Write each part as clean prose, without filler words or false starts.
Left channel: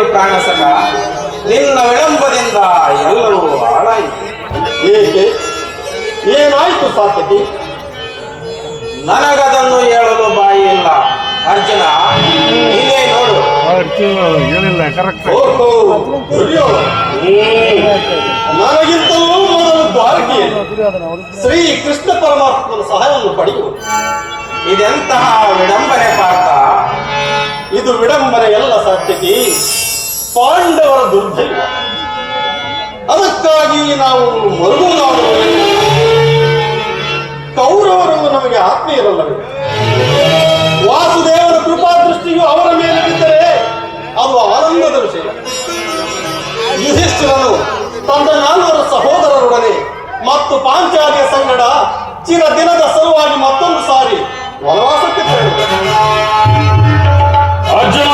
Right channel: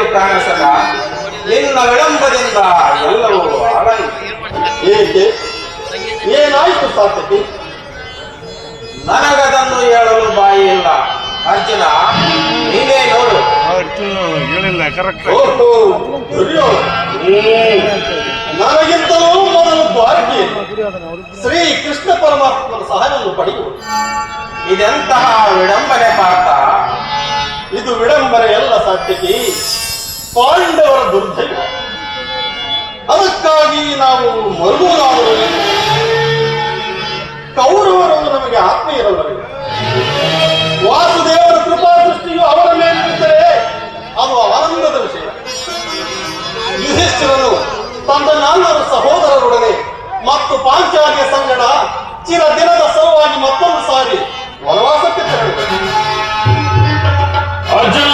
ಎಲ್ಲಿಯೂ ಕಾಣಿಸಲ್ಲ. ನಿನ್ನ ವಿಳಂಬದಿಂದ ಎಲ್ಲವೂ ಹಾಳಾಯಿತು. ಏಕೆ? ಏನಾಯ್ತು ಸಾರ್ಥಕಿ? ನನಗದನ್ನು ಹೇಳಲು ಬಾಯಿ ಇಲ್ಲ. ಅರ್ಜುನ, ನೀನೇ ನೋಡು. ಹೇಳಿಲ್ಲ ಕರೆಕ್ಟ್. ನನಗಿಂತಲೂ ಮೊದಲು ದ್ವಾರಕೆ ಶ್ರೀ ಕೃಷ್ಣ ಪರಮಾತ್ಮನ ಸಹಾಯವನ್ನು ಪಡೆಯುವುದು. ಇದೆಂತಹ ವಿಡಂಬನೆ ಪಾರ್ಥ? ಇದು ವಿಡಂಬನೆ ಎಲ್ಲ ಸಾರ್ಥಕಿ, ಪಾಂಡವರ ದುರ್ದೈವ. ಅದಕ್ಕಾಗಿ ನಾವು ಮರುಗುವುದಾದರೂ ಕೌರವರನ್ನು ನಮಗೆ ಆತ್ಮೀಯರಲ್ಲವೇ? ವಾಸುದೇವರ ಕೃಪಾ ದೃಷ್ಟಿಯು ಅವರ ಮೇಲೆ ಬಿದ್ದರೆ ಅದು ಆನಂದದ ವಿಷಯ. ಯುಧಿಷ್ಠಿರನು ತನ್ನ 4 ಸಹೋದರರೊಡನೆ ಮತ್ತು ಪಾಂಚಾಲಿಯ ಸಂಗಡ ಚಿರ ದಿನದ ಸಲುವಾಗಿ ಮತ್ತೊಂದು ಸಾರಿ ವನವಾಸಕ್ಕೆ ತೆರಳಿದರು. ಅರ್ಜುನ,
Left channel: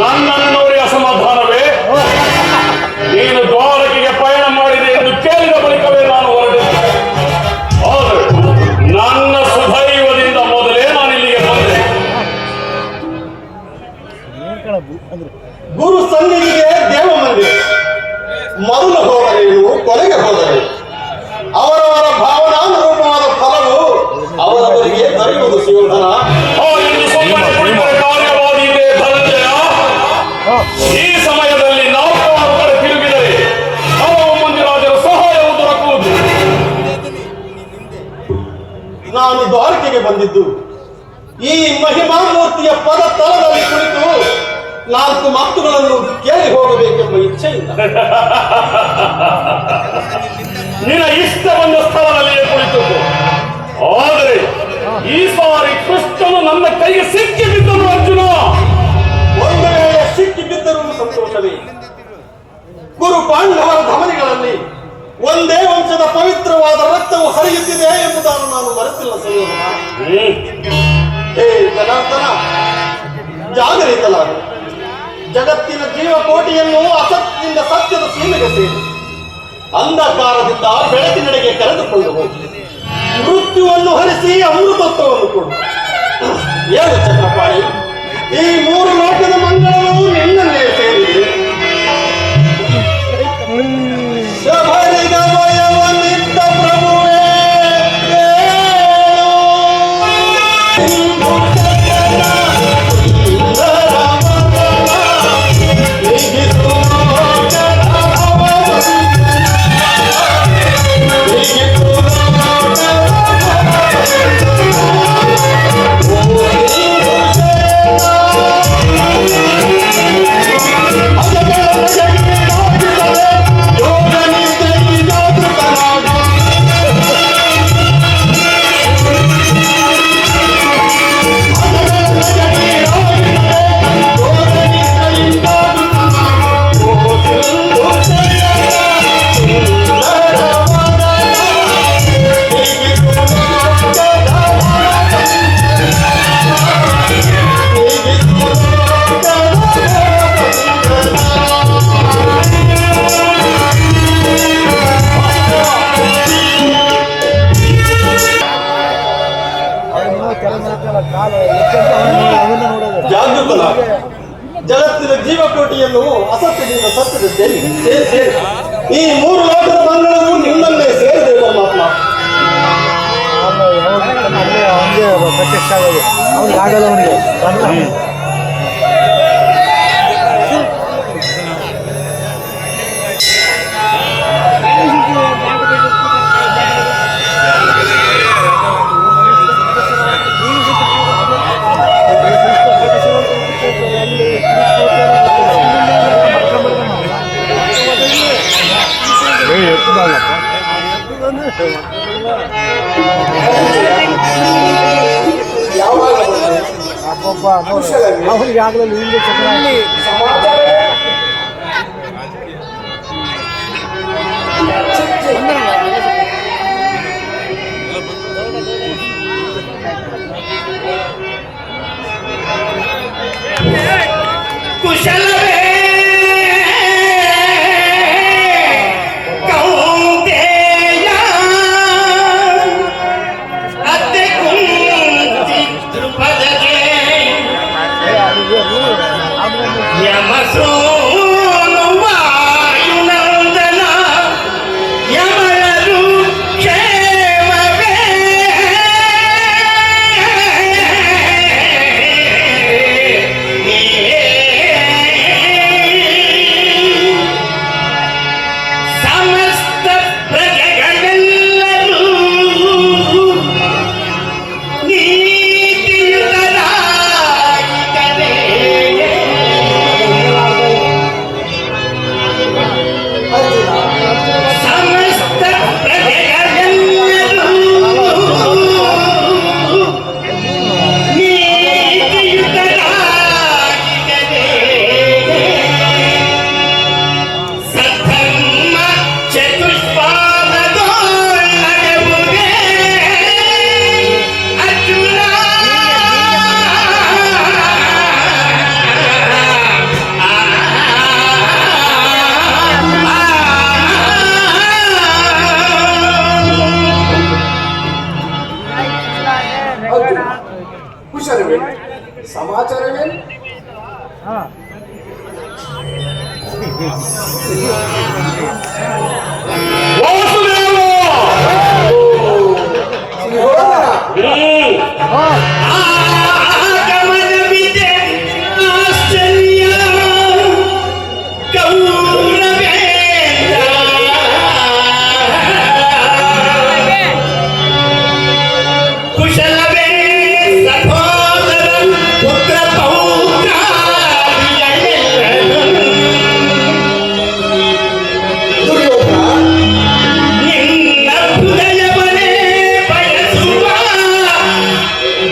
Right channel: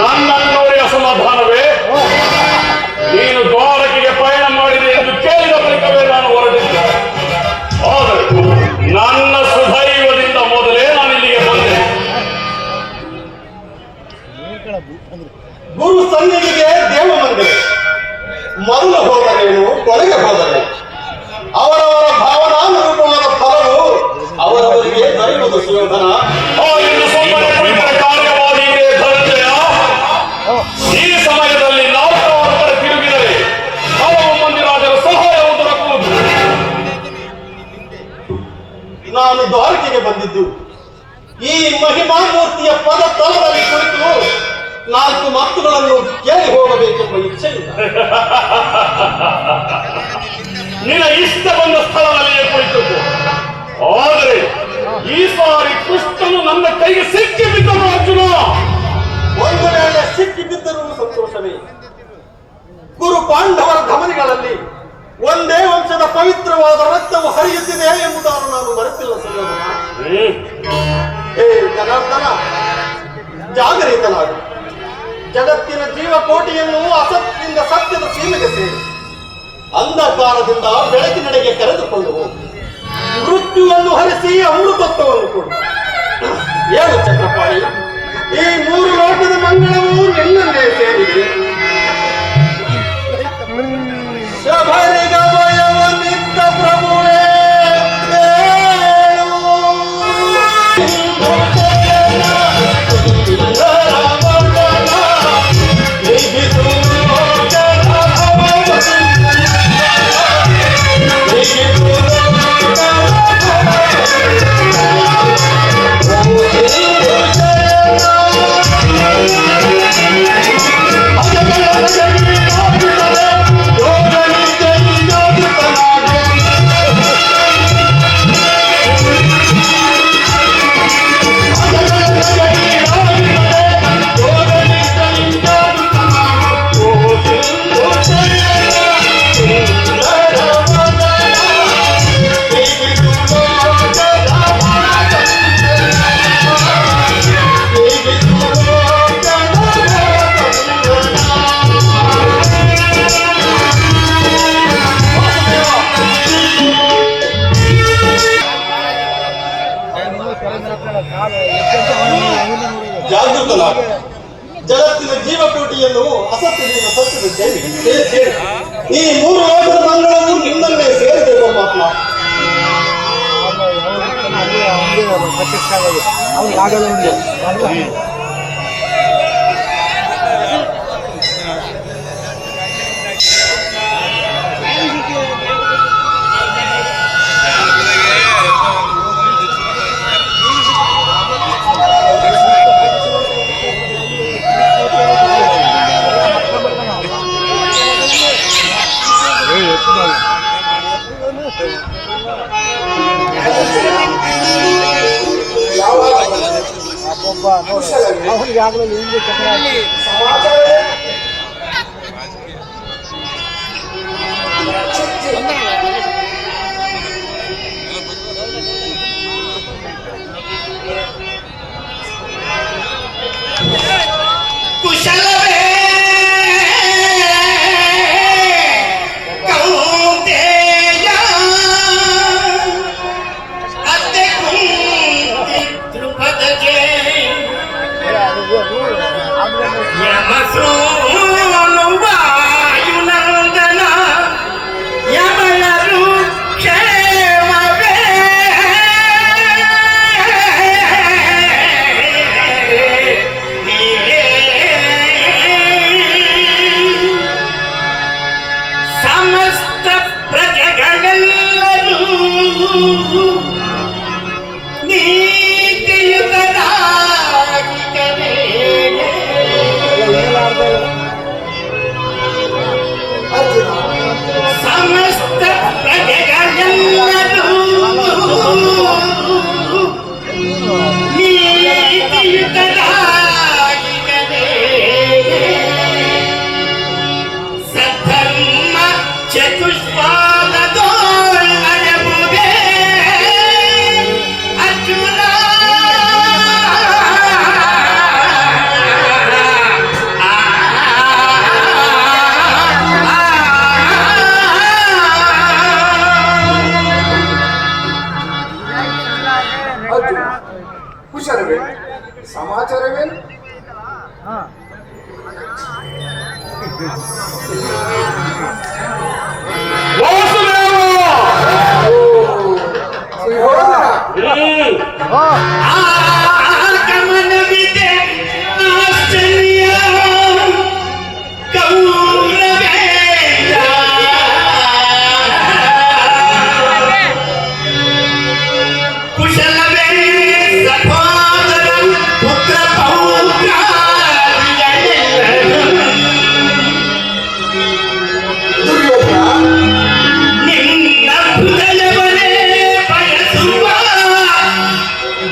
ನನ್ನನ್ನವರೇ ಅಸಮಾಧಾನವೇ? ನೀನು ದ್ವಾರಕೆಗೆ ಪಯಣ ಮಾಡಿದೆ ಎಂದು ಕೇಳಿದ ಬಳಿಕವೇ ನಾನು ಹೊರಡಿದ್ದೆ. ಆದರೆ ನನ್ನ ಸುದೈವದಿಂದ ಮೊದಲೇ ನಾನು ಇಲ್ಲಿಗೆ ಬಂದೆ. ಗುರು ಸನ್ನಿಧಿಗೆ ದೇವ ಮಂದಿರ. ಮೊದಲು ಹೋದರೇನು, ಕೊನೆಗೆ ಹೋದರೆ ಅವರವರ ಭಾವನಾನುರೂಪವಾದ ಫಲವು ಅವರವರಿಗೆ ದೊರೆಯುವುದು. ಸುಯೋಧನ, ಈ ಸಮಯದಲ್ಲಿ ನಾಲ್ಕಾರು ಕಡೆ ತಿರುಗಿದರೆ ಹಲವು ಮಂದಿರಾದರೂ ಸಹಾಯವು ದೊರಕುವುದು. ನಾನು ದ್ವಾರಕೆಗೆ ಬಂದಿದ್ದು ಈ ಮಹಿಮಾ ಮೂರ್ತಿಯ ಪದ ತಲದಲ್ಲಿ ಕುಳಿತು 4 ಮಾತುಗಳನ್ನು ಕೇಳಿ ಹೋಗಬೇಕೆಂಬ ಇಚ್ಛೆಯಿಂದ. ನಿನ್ನ ಇಷ್ಟ ಬಂದ ಸ್ಥಳದಲ್ಲಿಯೇ ಕುಳಿತದ್ದು. ಆದರೆ ಈ ಸಾರಿ ಕೃಷ್ಣನು ನನ್ನ ಕೈಗೆ ಸಿಕ್ಕಿ ಬಿದ್ದನು. ಅರ್ಜುನ, ಒಂದು ವೇಳೆ ಸಿಕ್ಕಿ ಬಿದ್ದರೂ ಸಂತೋಷವೇ. ಗುರು ಪಾಂಡವರ ಧಮನಿಗಳಲ್ಲಿ ಒಂದೇ ವಂಶದ ಪವಿತ್ರವಾದ ರಕ್ತವು ಹರಿಯುತ್ತಿದೆ ಎಂಬುದನ್ನು ನಾನು ಮರೆತಿಲ್ಲ. ಸಂಯೋಜನ, ಹೇ ಜನಾರ್ದನ, ಜಾಗರಿತಲಾಗು. ಜಗತ್ತಿನ ಜೀವಕೋಟಿಯನ್ನು ಅಸತ್ಯದಿಂದ ಸತ್ಯದ ಸೀಮೆಗೆ ಸೇರಿ ಅಂಧಕಾರದಿಂದ ಬೆಳಕಿನೆಡೆಗೆ ಕರೆದುಕೊಂಡು ಹೋಗಿ ಮೃತ್ಯುವನ್ನು ಹರಿಸಿ ಅಮೃತತ್ವವನ್ನು ಕೊಡು. ಏನು ಚಕ್ರಪಾಣಿ, ಈ 3 ಲೋಕದ ಮಂಗಳವು ನಿನ್ನನ್ನೇ ಸೇರಿದೆ. ಶಬರಿಗಮಯನಿದ್ದ ಪ್ರಭುವೇ ಜಾಗೃತನಾಗ. ಜಗತ್ತಿನ ಜೀವಕೋಟಿಯನ್ನು ಅಸತ್ಯದಿಂದ ಸತ್ಯದ ಸೇರಿ ಈ 3 ಲೋಕದ ಮಂಗಳವು ನಿನ್ನನ್ನೇ ಸೇರಿದೆ ಪರಮಾತ್ಮ. ಅವನಿಗೆ ಪ್ರತ್ಯಕ್ಷ ಆಗೋದು ಅವ್ನಿಗೆ ಆಗಲ್ಲ. ಅವನಿಗೆ ಅಬ್ಬಬ್ಬ ನೋಡಿ, ಅವನಿಗೆ ಆಗಲೂ ಇಲ್ಲಿ ಚಕ್ರ ಕುಶಲವೇ ಸಮಸ್ತ ಪ್ರಜೆಗಳೆಲ್ಲರೂ ನೀತಿಯುತರಾಗಿರಬೇಕು. ಸಮಸ್ತ ಪ್ರಜೆಗಳೆಲ್ಲರೂ ನೀತಿಯುತರಾಗಿರಬೇಕು. ಸಧರ್ಮ ಚತುಷ್ಪಾದದೊಳಗೆ ಅರ್ಜುನ ಕುಶಲವೇ? ಸಮಾಚಾರವೇನು? ಆಗಮನವಿದೆ ಆಶ್ಚರ್ಯ ಗೌರವೇ ಕುಶಲವೇ ಸಹೋದರ ಪುತ್ರ ದುರ್ಯೋಧನ, ನಿನ್ನ ಹೃದಯವನೇ ಬಯಸುವ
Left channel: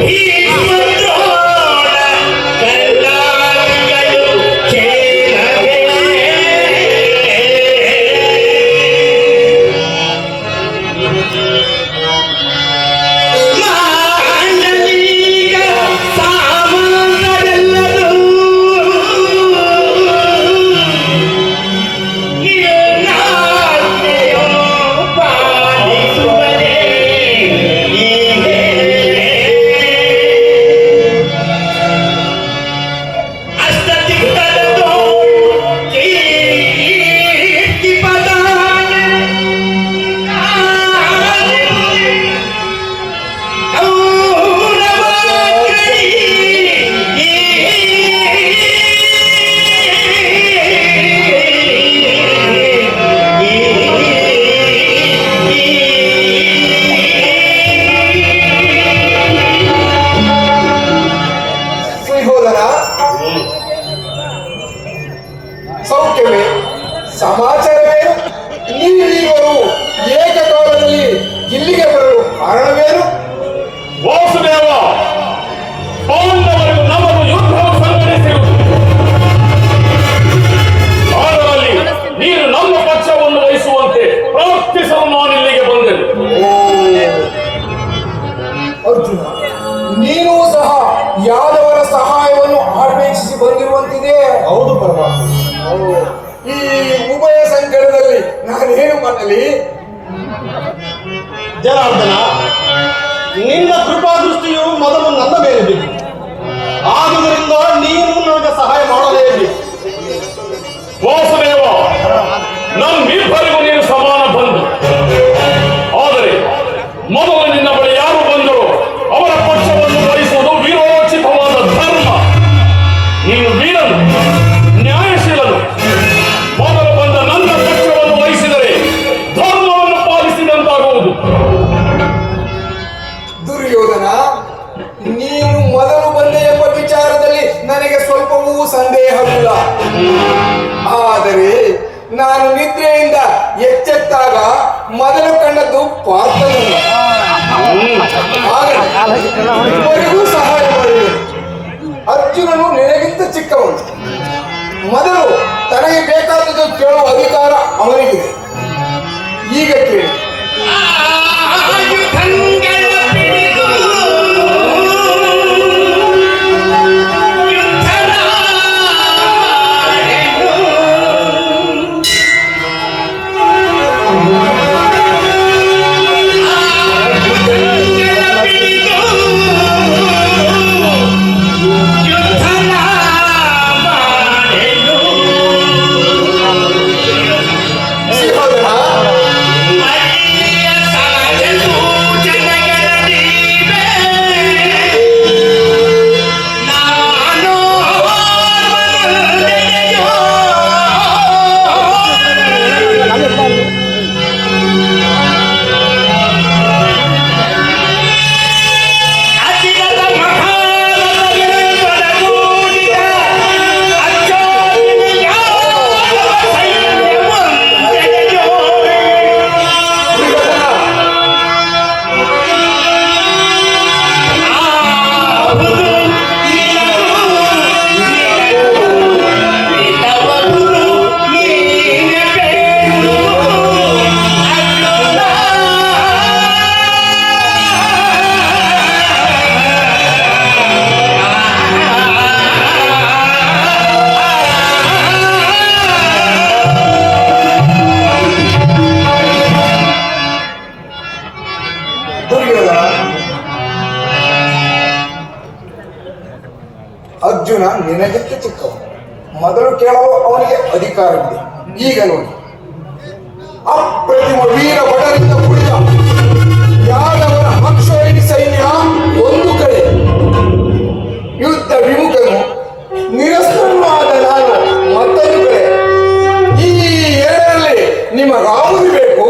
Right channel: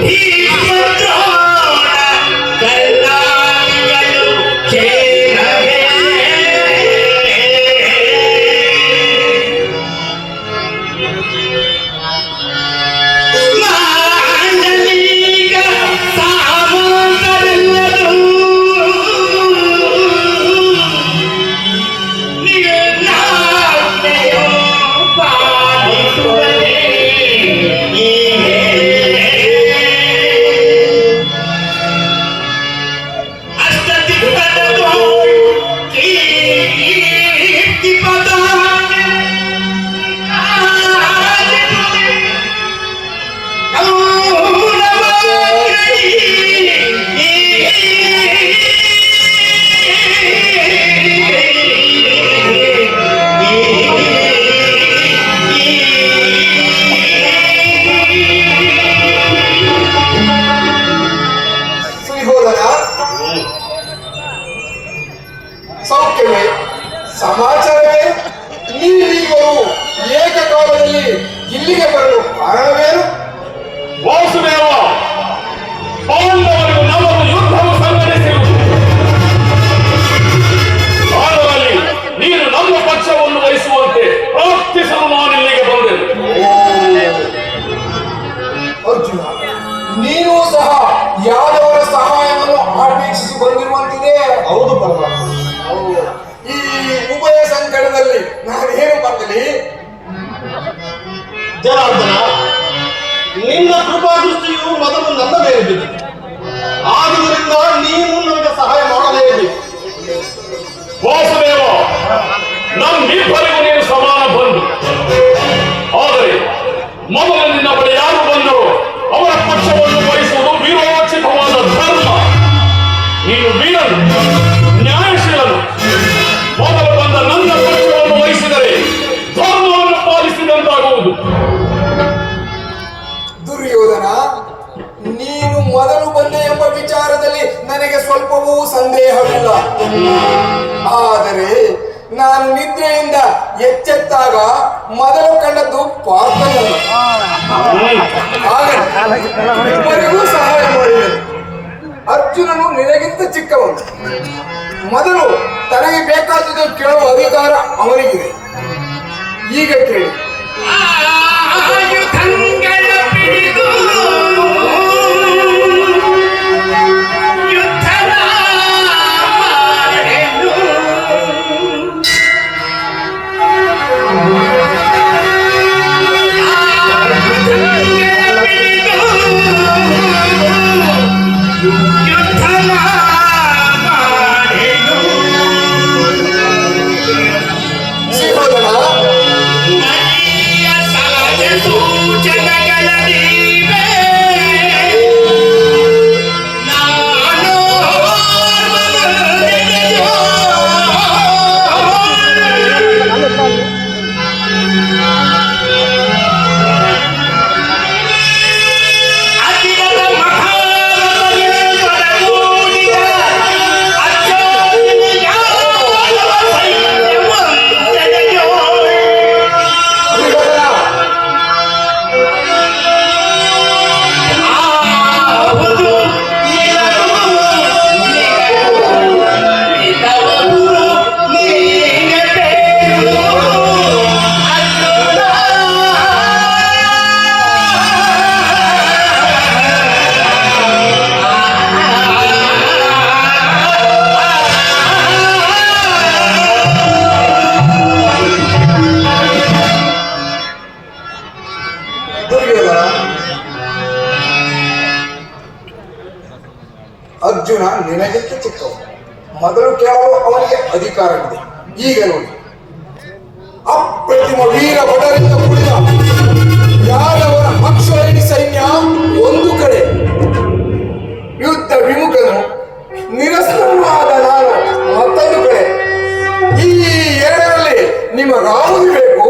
ಭೀಮದ್ರೋಣ ಕಲ್ಲಾಳಿಗಳು ಕೇಳವೇ. ಮಾಂಡಲಿಕ ಸಾಮಂತರೆಲ್ಲರೂ ನಿನ್ನಾಜ್ಞೆಯು ಪಾಲಿಸುವರೇ. ಅಷ್ಟದಿಕ್ಕದದು ಕೀರ್ತಿ ಪದಾಗೆ ಸುಯೋಧನ, ಸೌಖ್ಯವೇ? ಸಮಾಚಾರವೇನು? ನೀವಿರುವರು ಏಕಕಾಲದಲ್ಲಿ ಇಲ್ಲಿಗೆ ಬರಲು ಕಾರಣವೇನು? ವಾಸುದೇವ, ಪಾಂಡವರು ನಮ್ಮನ್ನು ಯುದ್ಧವು ಸಂಘಟಿಸಿರುವುದು ಕಾಲದಲ್ಲಿ ನೀನು ನಮ್ಮ ಪಕ್ಷವನ್ನು ವಹಿಸುವಂತೆ ಪ್ರಾರ್ಥಿಸಲು ನಾನು ಇಲ್ಲಿಗೆ ಬಂದೆನು. ಅರ್ಜುನ, ನೀನು ಸಹ ಯಾದವರ ಸಹಾಯವನ್ನು ಅಪೇಕ್ಷಿಸಿ ಬಂದಿರುವಂತಿದೆ. ಹೌದು ಪರ್ವ. ಈ ಉಭಯ ಸಂಕಟದಲ್ಲಿ ನಾನೇನು ಮಾಡಲಿ? ಜನಾರ್ದನ, ನಿನ್ನ ಕೃಪಾದೃಷ್ಟಿಯು ಮೊದಲು ನನ್ನ ಮೇಲೆ ಬಿದ್ದಿದೆ. ಆದುದರಿಂದ ನೀನು ನನಗೆ ಸಹಾಯ ಮಾಡಲೇಬೇಕು. ವಾಸುದೇವ, ನಮ್ಮಿಬ್ಬರಿಗೂ ನೀನು ಸಮಾನ ಬಂಧು. ಆದರೆ ಮೊದಲು ನಿನ್ನ ಬಳಿ ಯಾರು ಬಂದರು ಅವರ ಪಕ್ಷವನ್ನು ವಹಿಸುವುದು ವೀರೋಚಿತವಾದ ಧರ್ಮ. ನೀನು ವೀರನು, ನ್ಯಾಯಶೀಲನು. ಮೊದಲು ಬಂದ ನನ್ನ ಪಕ್ಷವನ್ನು ವಹಿಸಿದರೆ ಧರ್ಮವನ್ನು ಪಾಲಿಸಿದಂತಾಗುವುದು. ದುರ್ಯೋಧನ, ನೀನು ಮೊದಲು ಬಂದೆ ಎಂಬ ವಿಚಾರದಲ್ಲಿ ನನಗೆ ಸ್ವಲ್ಪವೂ ಸಂದೇಹವಿಲ್ಲ. ಆದರೆ ನಾನು ನಿದ್ರೆಯಿಂದ ಎಚ್ಚೆತ್ತಾಗ ಮೊದಲು ಕಂಡದ್ದು ಪಾರ್ಥನನ್ನು. ನಿನಗೂ ಸಹಾಯ ಮಾಡಿದನು. ಅರ್ಜುನನು ನಿನಗಿಂತ ಚಿಕ್ಕವನು. ಮೊದಲು ತನಗೆ ಬೇಕಾದದ್ದು ಕೇಳುವ ಅಧಿಕಾರ ಅವನಿಗಿದೆ. ಈಗ ಕೇಳಿ. ಆಯುಧಗಳ ಪಿಡಿದು ಯುದ್ಧ ಮಾಡೆನು. ಆಯುಧಗಳ ಪಿಡಿದು ಯುದ್ಧ ಮಾಡೆನು. ಅರ್ಜುನ ನಿನಗಿಂತ ಚಿಕ್ಕವ. ಮೊದಲು ಕೇಳಲು ಅವನಿಗೆ ಅಧಿಕಾರವಿದೆ. ಈಗ ನೋಡಿ, ಅಪ್ರತಿಮ ವೀರ ಭಟರಿಂದ ಕೂಡಿದ ಯಾದವರ ಅಕ್ಷೋಹಿಣಿ ಸೈನ್ಯ ಒಂದು ಕಡೆ, ಯುದ್ಧ ವಿಮುಖನು ನಿರಸ್ತವಾದ ನಾನು ಮತ್ತೊಂದು ಕಡೆ. ಈ ಎರಡರಲ್ಲಿ ನಿಮಗಾವುದು ಬೇಕು?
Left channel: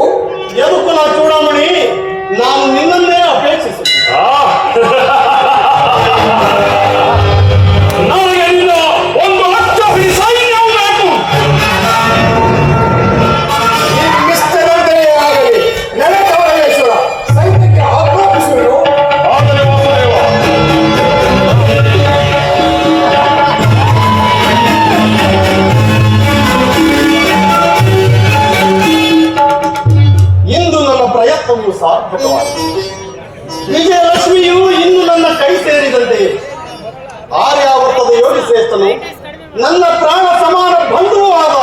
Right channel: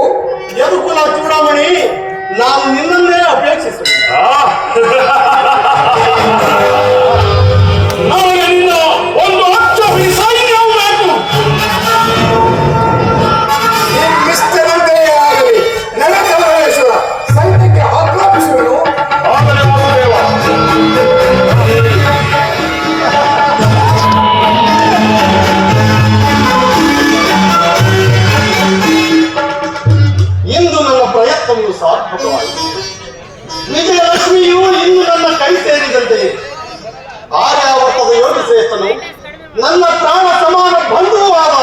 ಯದುಕುಲ ಚೂಡಾಮಣಿ, ನಾನು ನಿನ್ನನ್ನೇ ಅಪೇಕ್ಷಿಸುತ್ತೇನೆ. ನನಗೆ ನಿನ್ನ ಒಂದು ಅಕ್ಷೋಹಿಣಿ ಸೈನ್ಯವು ಬೇಕು. ನಿಶ್ಚರಂತೆಯೇ ಆಗಲಿ. ನೆನಪೇಶ್ವರ ಸೈನ್ಯಕ್ಕೆ ಆಜ್ಞಾಪಿಸುವುದು. ಆದರೆ ಆಗಬೇಕು. ಇಂದು ನನ್ನ ಪ್ರಯತ್ನವು ಸಾರ್ಥಕವಾಯಿತು. ವಿಜಯಲಕ್ಷ್ಮಿಯು ಇಂದು ನನ್ನ ಕೈ ಸೇರಿದಂತೆ ಆರ್ಯಾವರ್ತದ ಯೋಗಿ ಶ್ರೇಷ್ಠನು, ನನ್ನ ಪ್ರಾಣ ಸಮಾನ ಬಂಧುವೂ ಆದ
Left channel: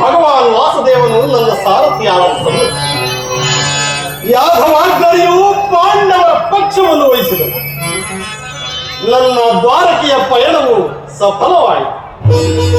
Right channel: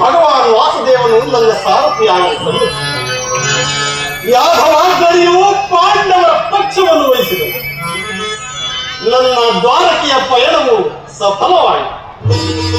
ಭಗವಾನ್ ವಾಸುದೇವನು ನನ್ನ ಸಾರಥಿಯಾಗಿ ಯಾದವಾಗ್ನಿಯು ಪಾಂಡವರ ಪಕ್ಷವನ್ನು ವಹಿಸಿದನು. ನನ್ನ ದ್ವಾರಕೆಯ ಪಯಣವು ಸಫಲವಾಯಿತು.